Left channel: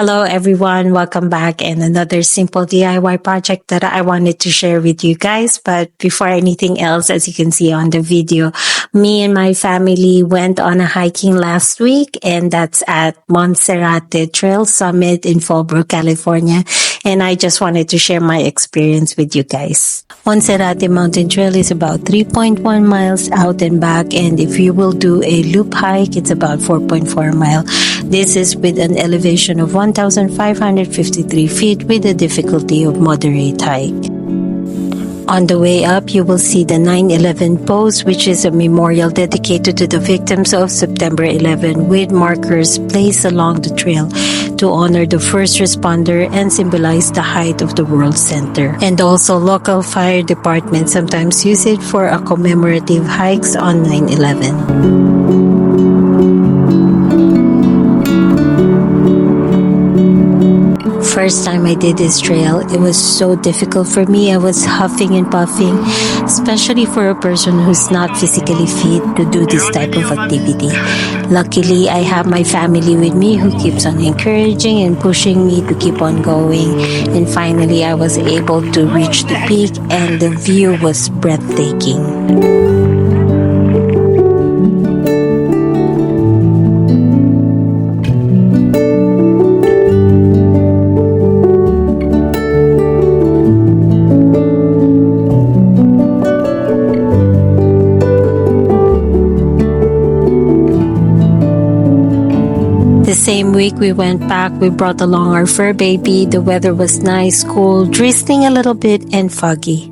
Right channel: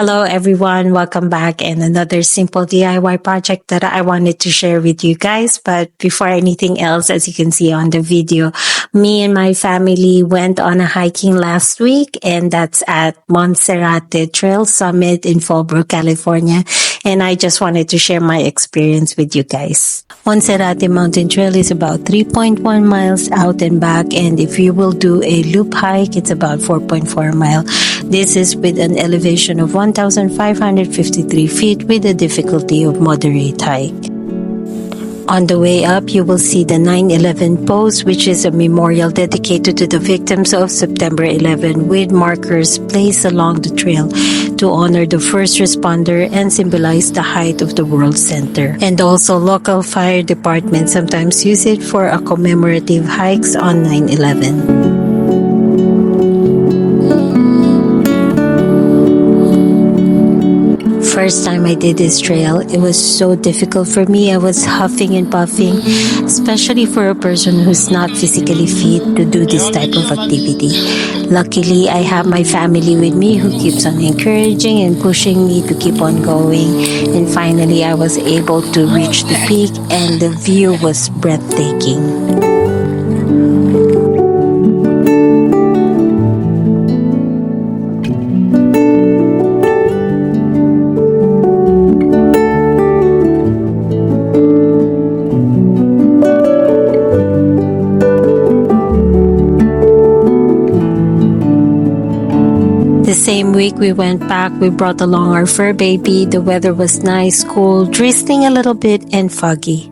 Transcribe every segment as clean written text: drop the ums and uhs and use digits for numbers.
Hello everyone, welcome back and another simple DIY project that I wanted to share with you guys. But before anything else, as you can see on the video, me and my family went on a hiking last week, and that's at Monserate Trail Summit in Fallbrook, California. And I just wanted to share my experience with you guys. Monserate Mountain Trail is about 3.1 miles out and back, and if you will do a loop hike, it's about 4.4 miles. This is with an elevation of 1,553 feet with a difficulty of moderate hike. On the way up, you will see the 9/11 post, which is a memorial dedicated to the victims of September 11 with markers placed along the trail to honor the first responder and symbolize the height of the World Center. And also, local fire departments sometimes use it for a commemorative hikes on 9/11. First time I did this trail, it was so difficult for me. I was huffing and puffing, especially for a person who's not physically fit to do this type of activity. Luckily, I have my family with me who keeps on encouraging and pushing me to keep on going. And finally, I was able to reach the peak, and the view was breathtaking. The same week we went back, we brought along our fur baby. The weather was nice, cool, drizzling a little bit, and foggy.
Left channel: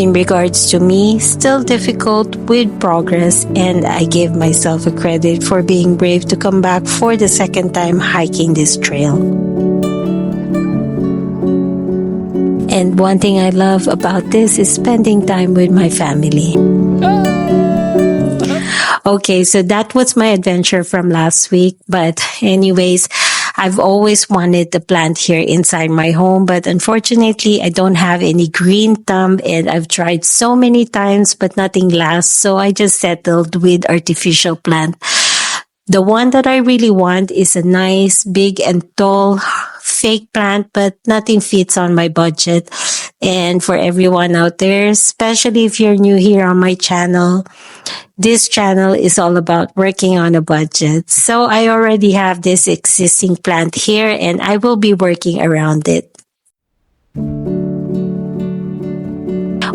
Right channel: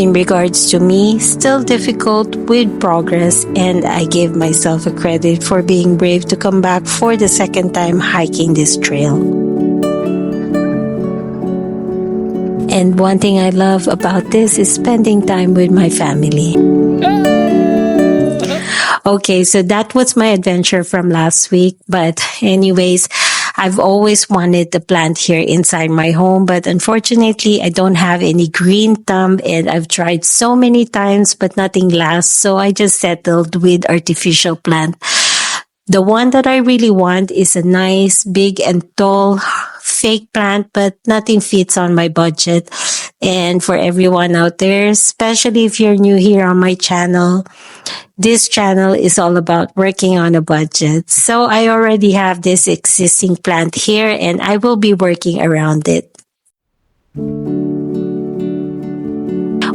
In regards to me, still difficult with progress, and I give myself a credit for being brave to come back for the second time hiking this trail. And one thing I love about this is spending time with my family. Okay, so that was my adventure from last week. But anyways, I've always wanted the plant here inside my home, but unfortunately, I don't have any green thumb, and I've tried so many times, but nothing lasts. So I just settled with artificial plant. The one that I really want is a nice, big and tall fake plant, but nothing fits on my budget. And for everyone out there, especially if you're new here on my channel, this channel is all about working on a budget. So I already have this existing plant here, and I will be working around it.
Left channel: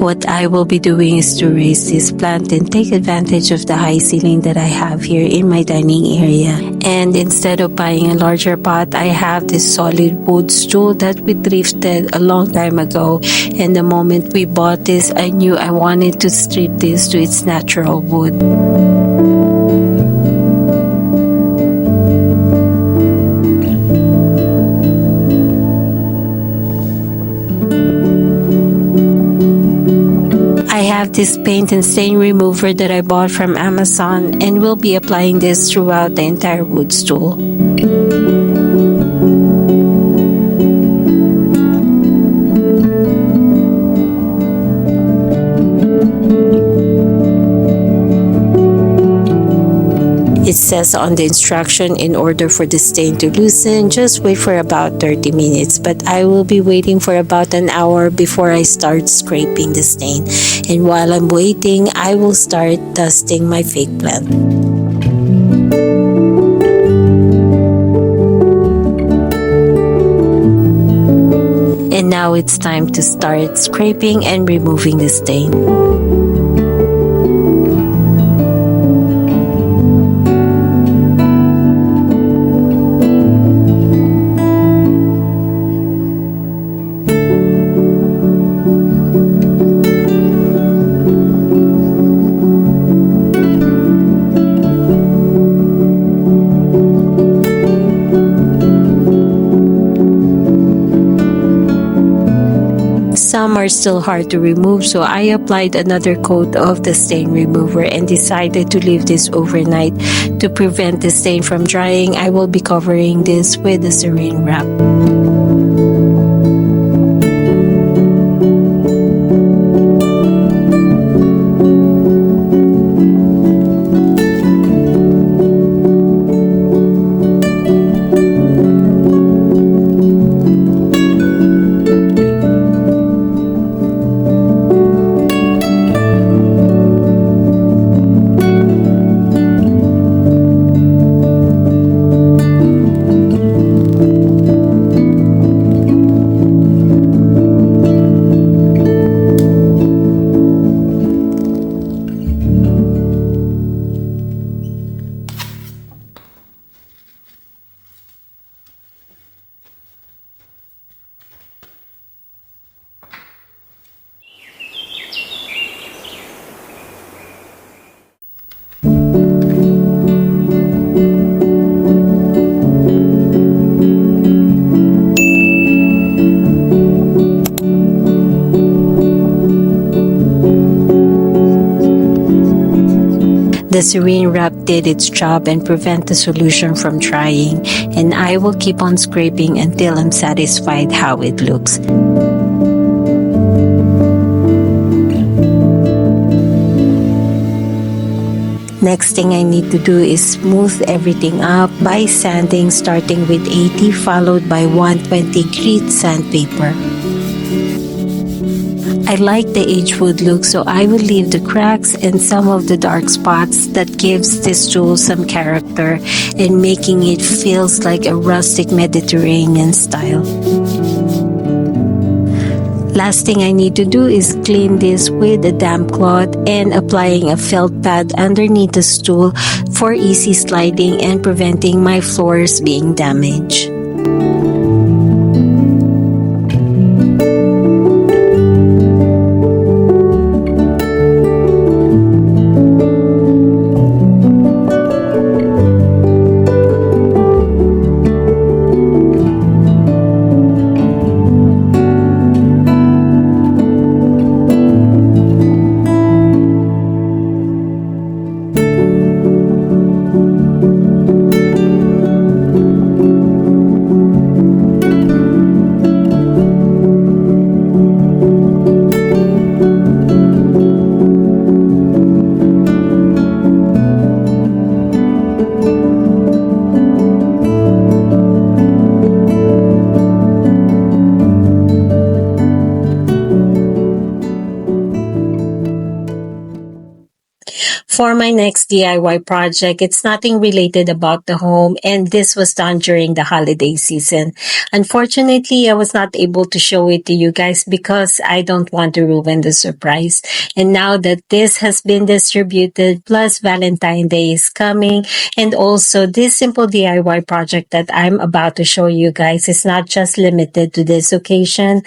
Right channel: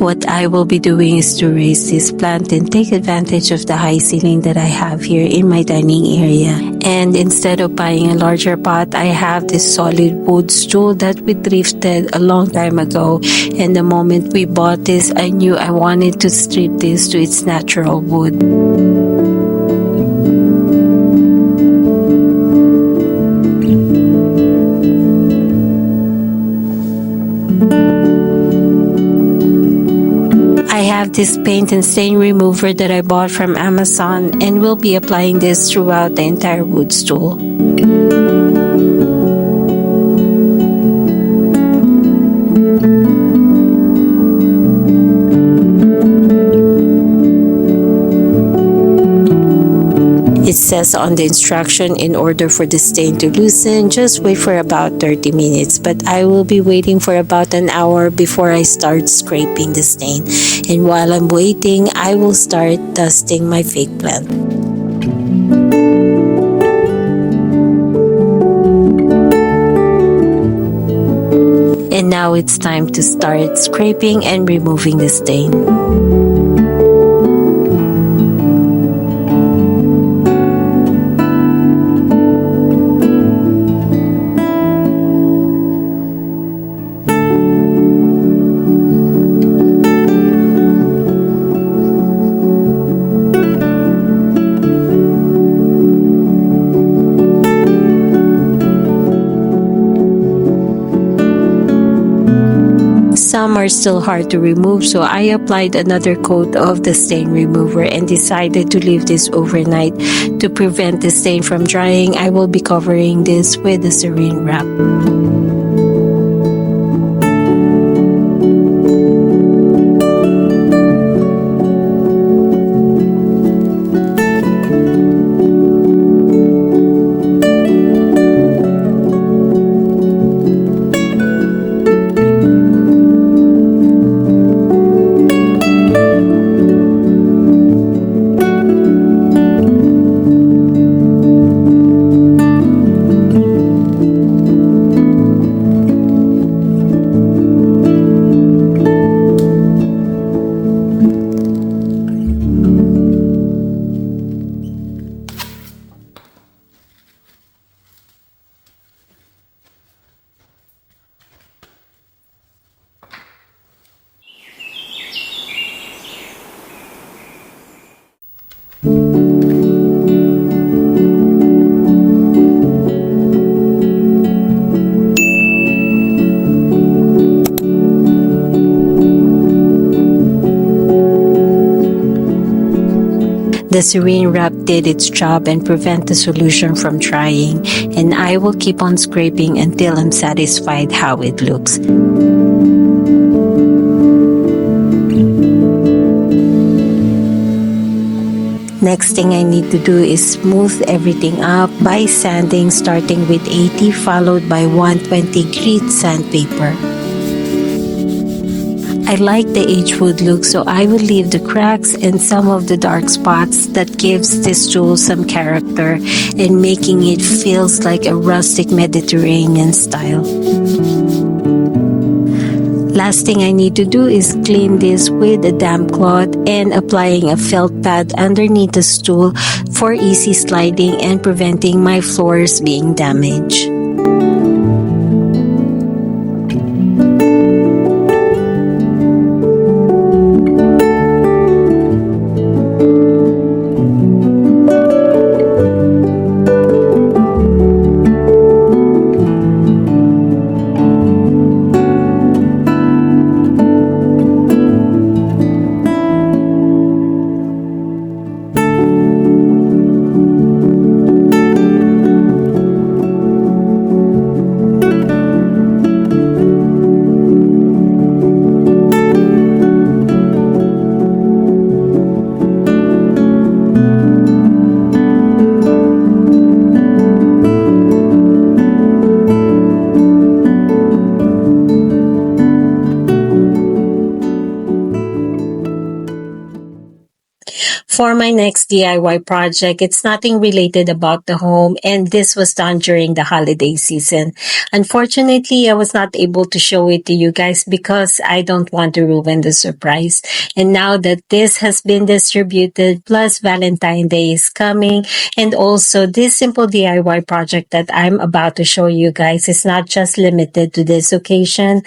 What I will be doing is to raise this plant and take advantage of the high ceiling that I have here in my dining area. And instead of buying a larger pot, I have this solid wood stool that we thrifted a long time ago. And the moment we bought this, I knew I wanted to strip this to its natural wood. I have this paint and stain remover that I bought from Amazon, and will be applying this throughout the entire wood stool. It says on the instruction, in order for the stain to loosen, just wait for about 30 minutes. But I will be waiting for about an hour before I start scraping the stain. And while I'm waiting, I will start dusting my fake plant. And now it's time to start scraping and removing the stain. Some are still hard to remove, so I applied another coat of the stain remover and decided to leave this overnight. To prevent the stain from drying, I will be covering this with a saran wrap. The saran wrap did its job and prevent the solution from drying, and I will keep on scraping until I'm satisfied how it looks. Next thing I need to do is smooth everything up by sanding, starting with 80 followed by 120 grit sandpaper. I like the aged wood look, so I will leave the cracks and some of the dark spots that gives this stool some character and making it feels like a rustic Mediterranean style. Last thing I need to do is clean this with a damp cloth and applying a felt pad underneath the stool for easy sliding and preventing my floors being damaged. For my next DIY project, it's nothing related about the home, and this was done during the holiday season. Unfortunately, I was not able to show it to you guys because I don't want to ruin the surprise. And now that this has been distributed, plus Valentine's Day is coming, and also this simple DIY project that I'm about to show you guys is not just limited to this occasion.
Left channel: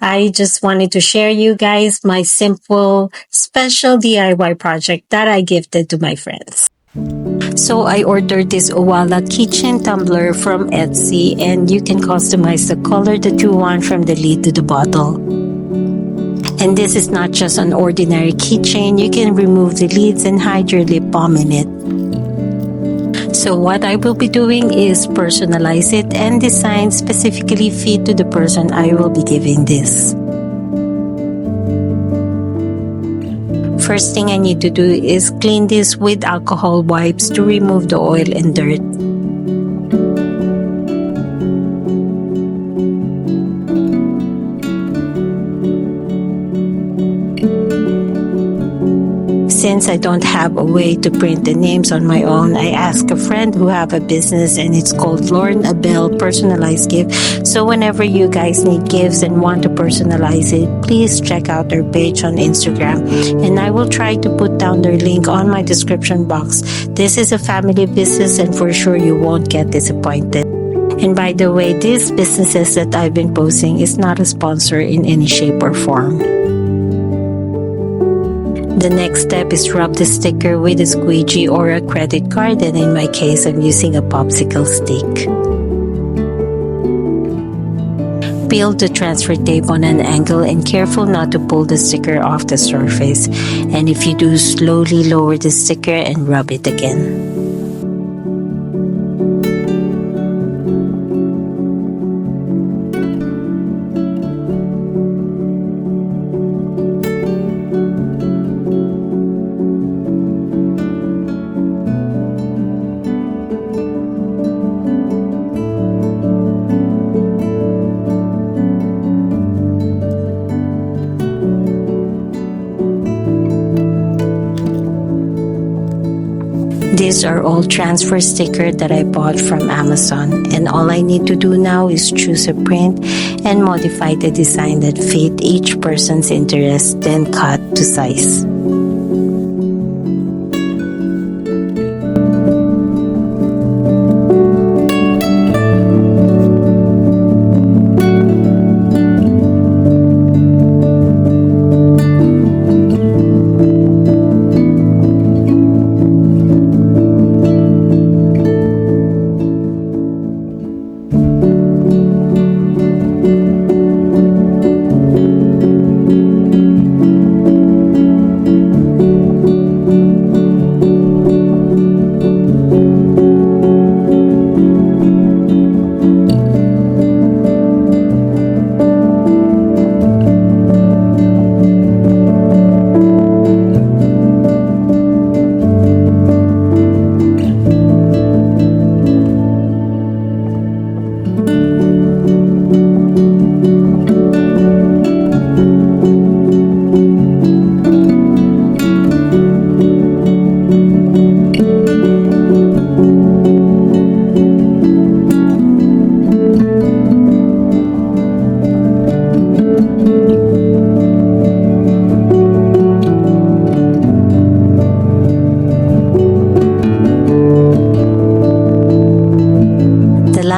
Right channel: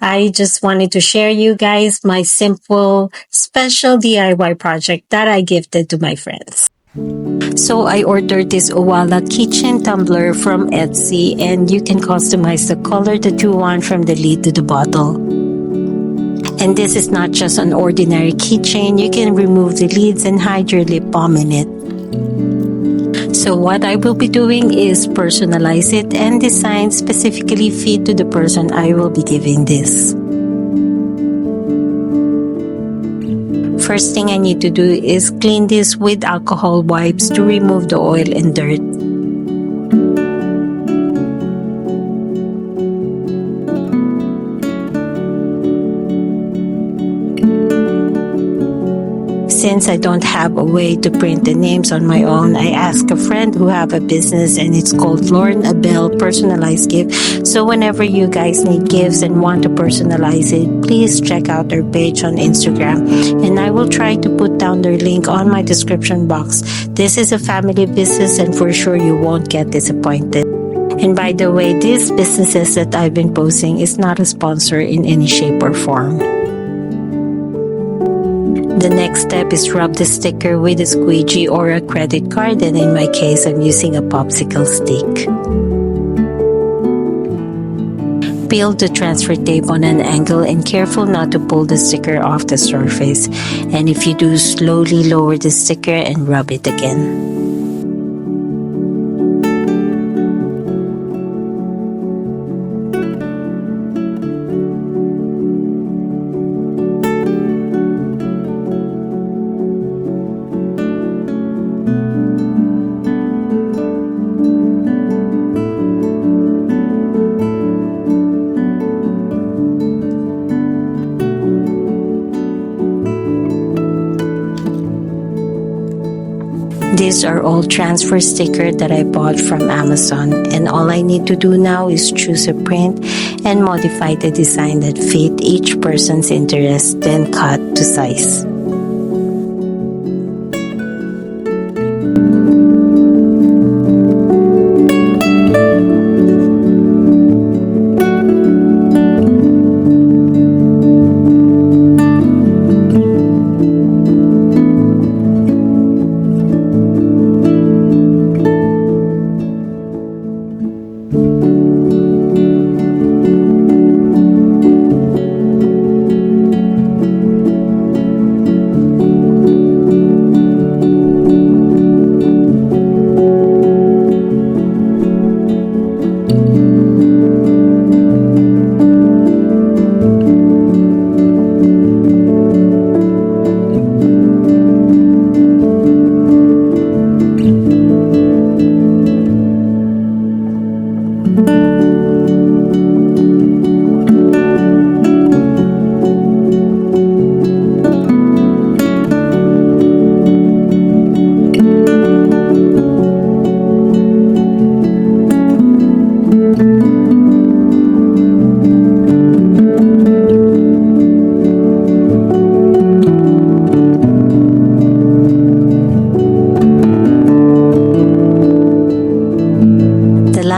I just wanted to share you guys my simple, special DIY project that I gifted to my friends. So I ordered this owala keychan tumbler from Etsy, and you can customize the color that you want from the lid to the bottle. And this is not just an ordinary keychain. You can remove the lids and hide your lip balm in it. So what I will be doing is personalize it and design specifically fit to the person I will be giving this. First thing I need to do is clean this with alcohol wipes to remove the oil and dirt. Since I don't have a way to print the names on my own, I asked a friend who have a business, and it's called Lauren Abel Personalized Gift. So whenever you guys need gifts and want to personalize it, please check out their page on Instagram, and I will try to put down their link on my description box. This is a family business, and for sure you won't get disappointed. And by the way, these businesses that I've been posting is not a sponsor in any shape or form. The next step is rub the sticker with a squeegee or a credit card, and in my case, I'm using a popsicle stick. Peel the transfer tape on an angle and careful not to pull the sticker off the surface. And if you do, slowly lower the sticker and rub it again. These are all transfer stickers that I bought from Amazon, and all I need to do now is choose a print and modify the design that fit each person's interest, then cut to size.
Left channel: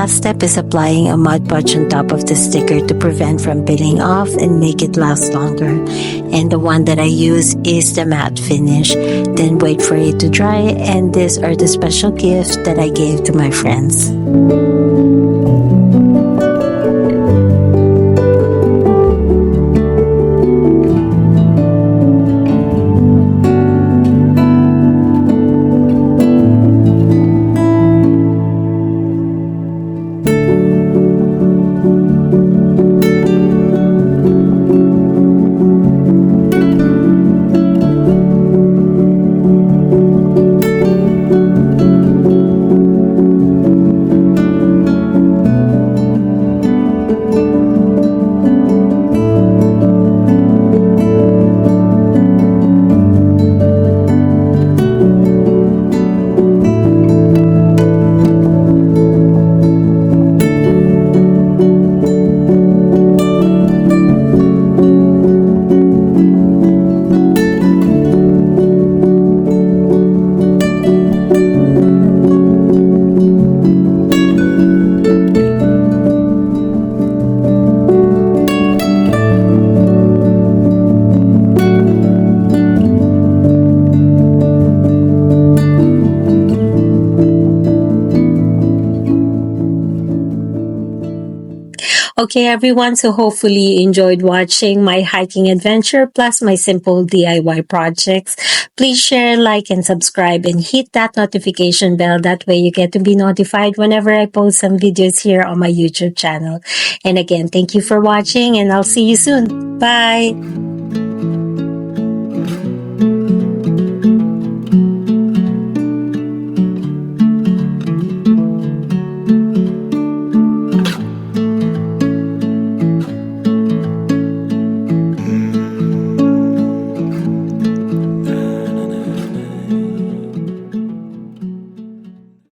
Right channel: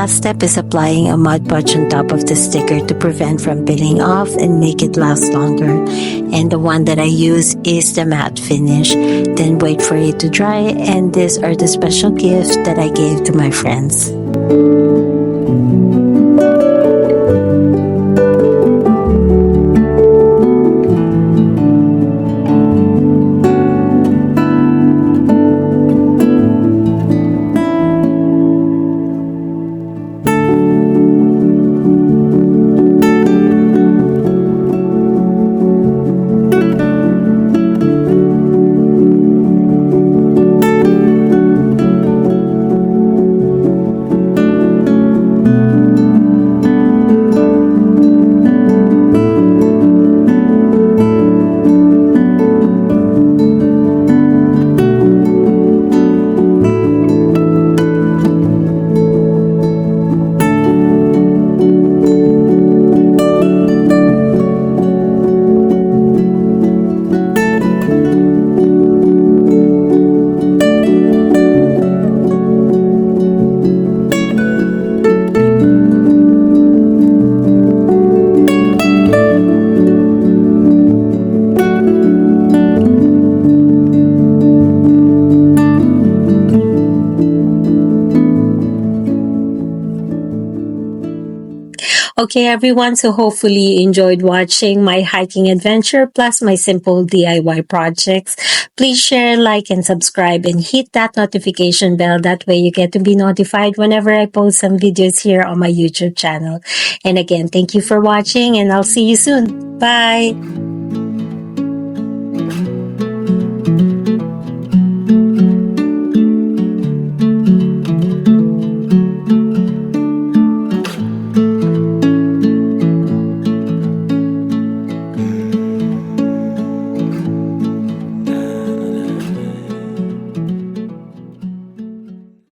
Last step is applying a Mod Podge on top of the sticker to prevent from peeling off and make it last longer. And the one that I use is the matte finish. Then wait for it to dry, and these are the special gifts that I gave to my friends. Okay, everyone, so hopefully you enjoyed watching my hiking adventure plus my simple DIY projects. Please share, like, and subscribe, and hit that notification bell. That way you get to be notified whenever I post some videos here on my YouTube channel. And again, thank you for watching, and I'll see you soon. Bye!